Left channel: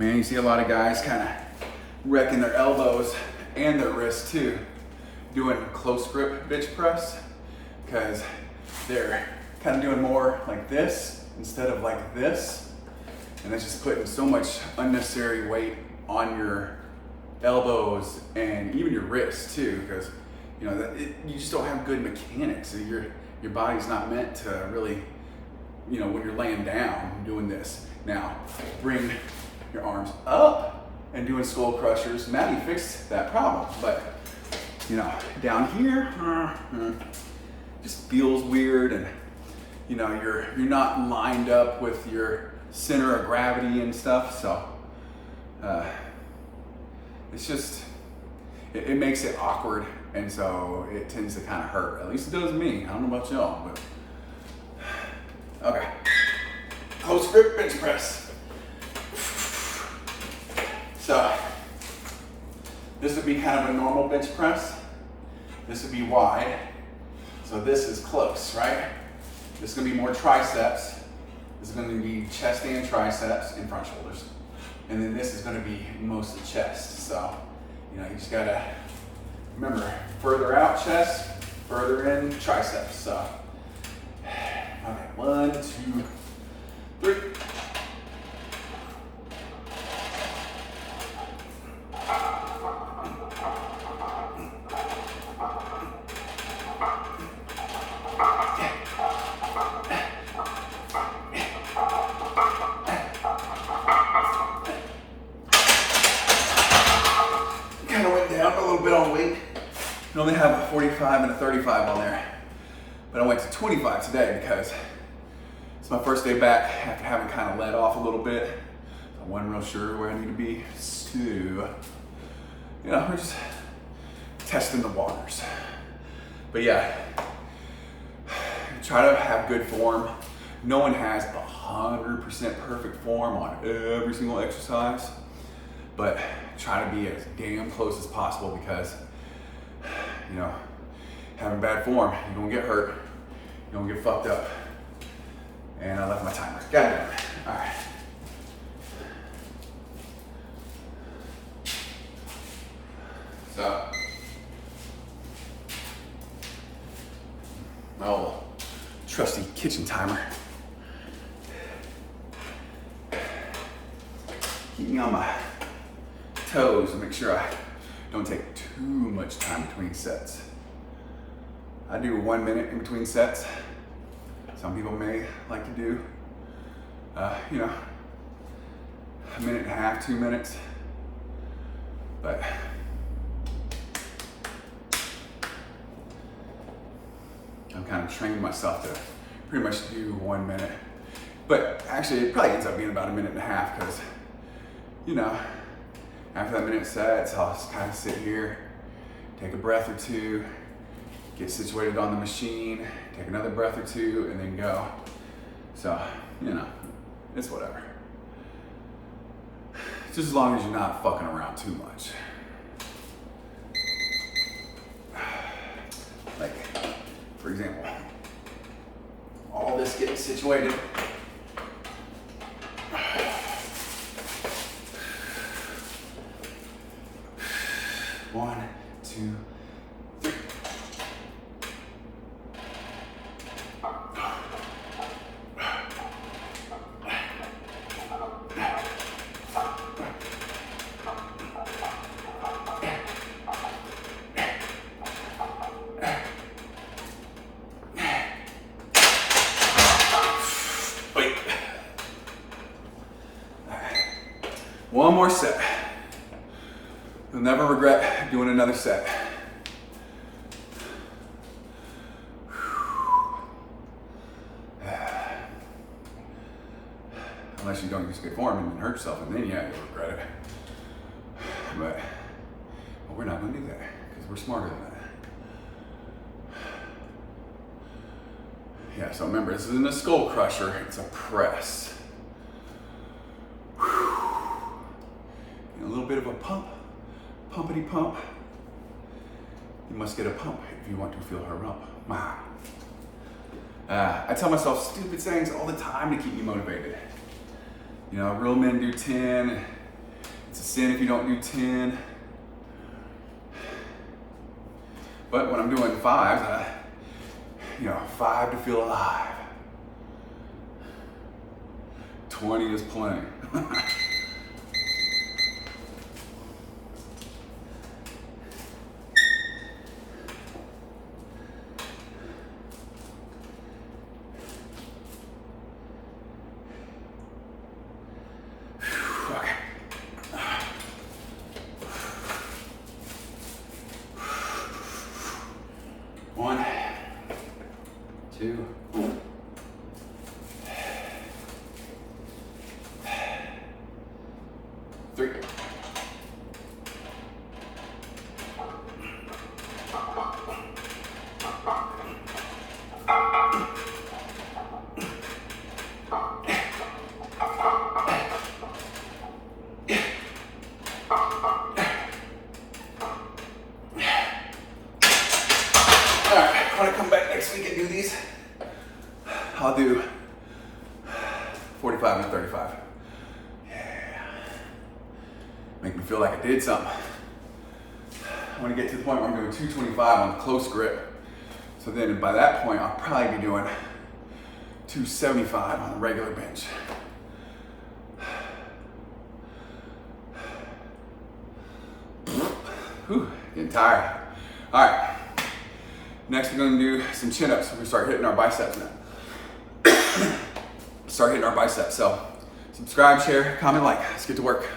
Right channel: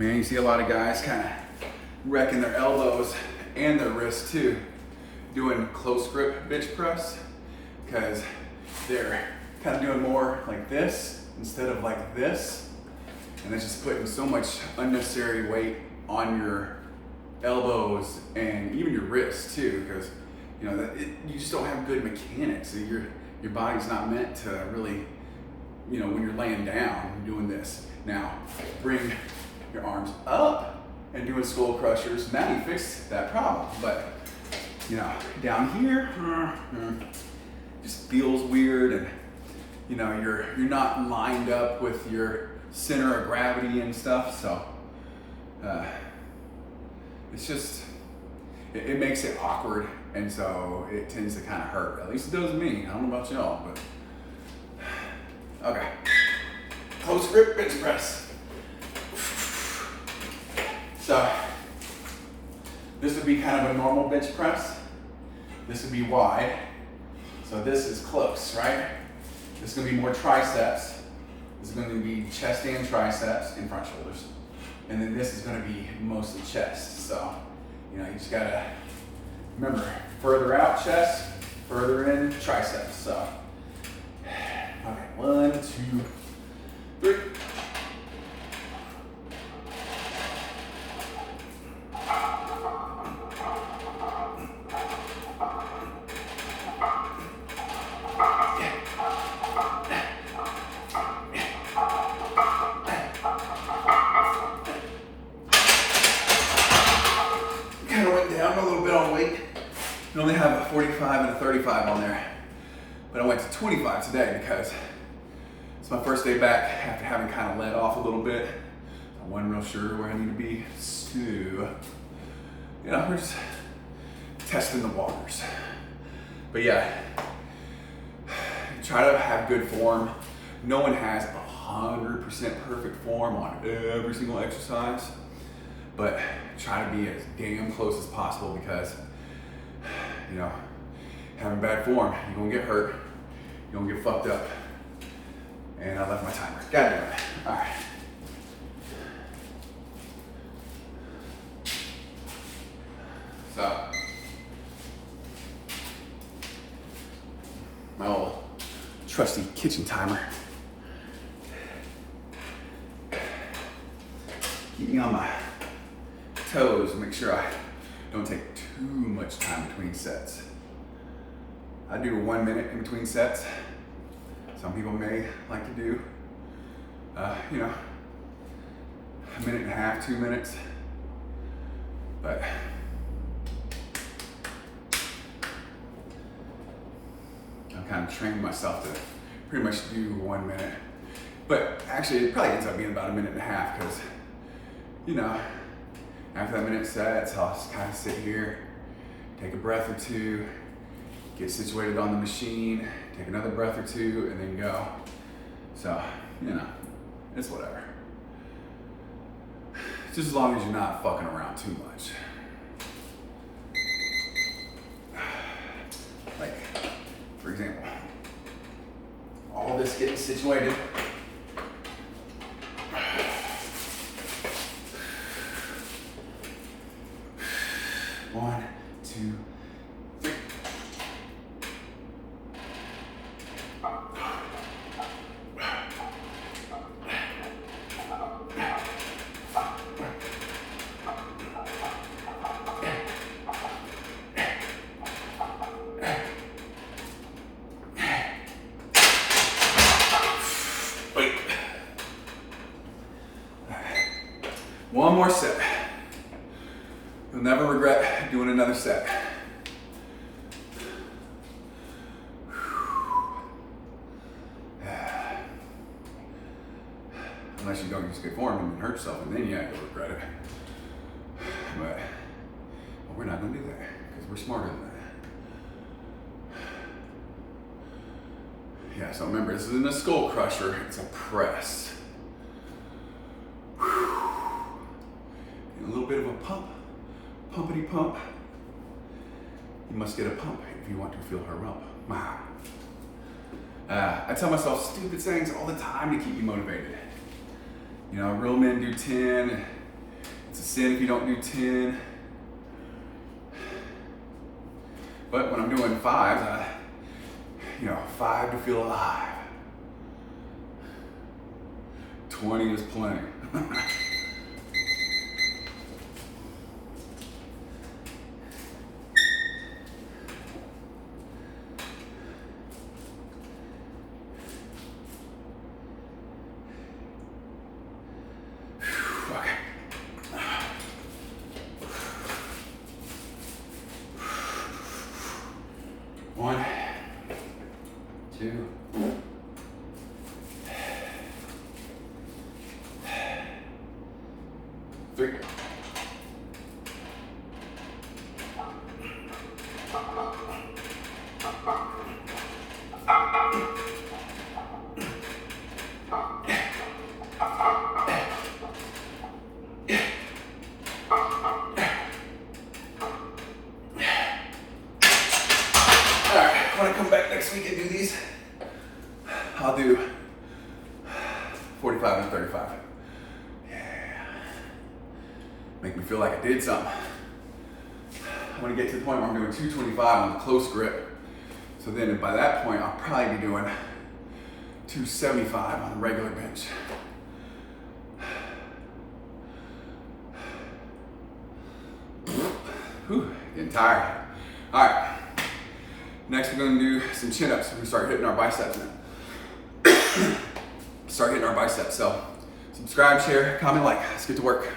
Man, you see a lot of guys kind of wrecking their elbows and their wrists too, doing close grip bench press, because they're kind of doing more like this instead of like this. And that's just putting so much unnecessary weight on your elbows and even your wrists too, because you know that you just don't have good mechanics. So your body's not meant to really, you know, when you're laying down doing this. Now bring your arms up and doing skull crushers. Now you fix that problem. But you know, down here just feels weird, and you know you're not lined up with your center of gravity and stuff. So it's just it makes it awkward, and so it tends to kind of hurt. At least it does me. I don't know about y'all, but okay. Close grip bench press. So this would be kind of a normal bench press. This would be wide. So this is close, right? This is gonna be more triceps. This is gonna be chest and triceps and front shoulders. And then this is gonna be mostly chest. So, you know, you just gotta remember, further out chest, further in triceps. So, okay, 1, 2, 3. Kind of went down a little bit on weight. Normally have a 45 and a 35 on there, but I went to 25 today because it's my first day back after having kind of let off a little bit. I wasn't real sure where I need to be, so you know, we're just testing the waters. But yeah, try to have good form. No one has 100% perfect form on every single exercise, but try to be as damn close as possible, because you know, having bad form, you're gonna get hurt, you're gonna get fucked up. And I left my timer. Got it. All right. So, my old trusty kitchen timer. Keep me on my toes and make sure I don't take too much time between sets. I do 1 minute in between sets. Some people may like to do, you know, 1.5 minutes, 2 minutes. But I'm kind of trained myself to pretty much do 1 minute. But actually, it probably ends up being about 1.5 minutes, because, you know, after that minute sets, I'll just kind of sit here, take a breath or two, get situated on the machine, take another breath or two, and then go. So, you know, it's whatever. Just as long as you're not fucking around too much. Like, for example, all this getting situated. One, two, three. Wait. One more set. You'll never regret doing another set. Unless you don't use good form and hurt yourself, and then yeah, you'll regret it. But we're not gonna do that, because we're smarter than that. Yeah, so remember, this isn't a skull crusher, it's a press. A little bit of a pump. Pumpity pump. You must get a pump if you want to feel her rump. Wow. I tell myself stupid things all the time to keep me motivated. You know, real men do 10, sin if you don't do 10. But when I'm doing 5s, you know, 5 to feel alive. 20 is plenty. Okay. 1, 2, 3. Alright, when I come back next week and do these, I'll do 45 and 35. Yeah. Make me feel like I did something. I want to get to the point where I'm doing 225 on the close grip. So then by that point, I'll probably be doing 275 on the regular bench. Whew, getting tired. All right. Next, we're going to do some chin-ups. We're going to start hitting our biceps now. Start hitting our biceps. So subscribe, share, comment, like. Let's get to work.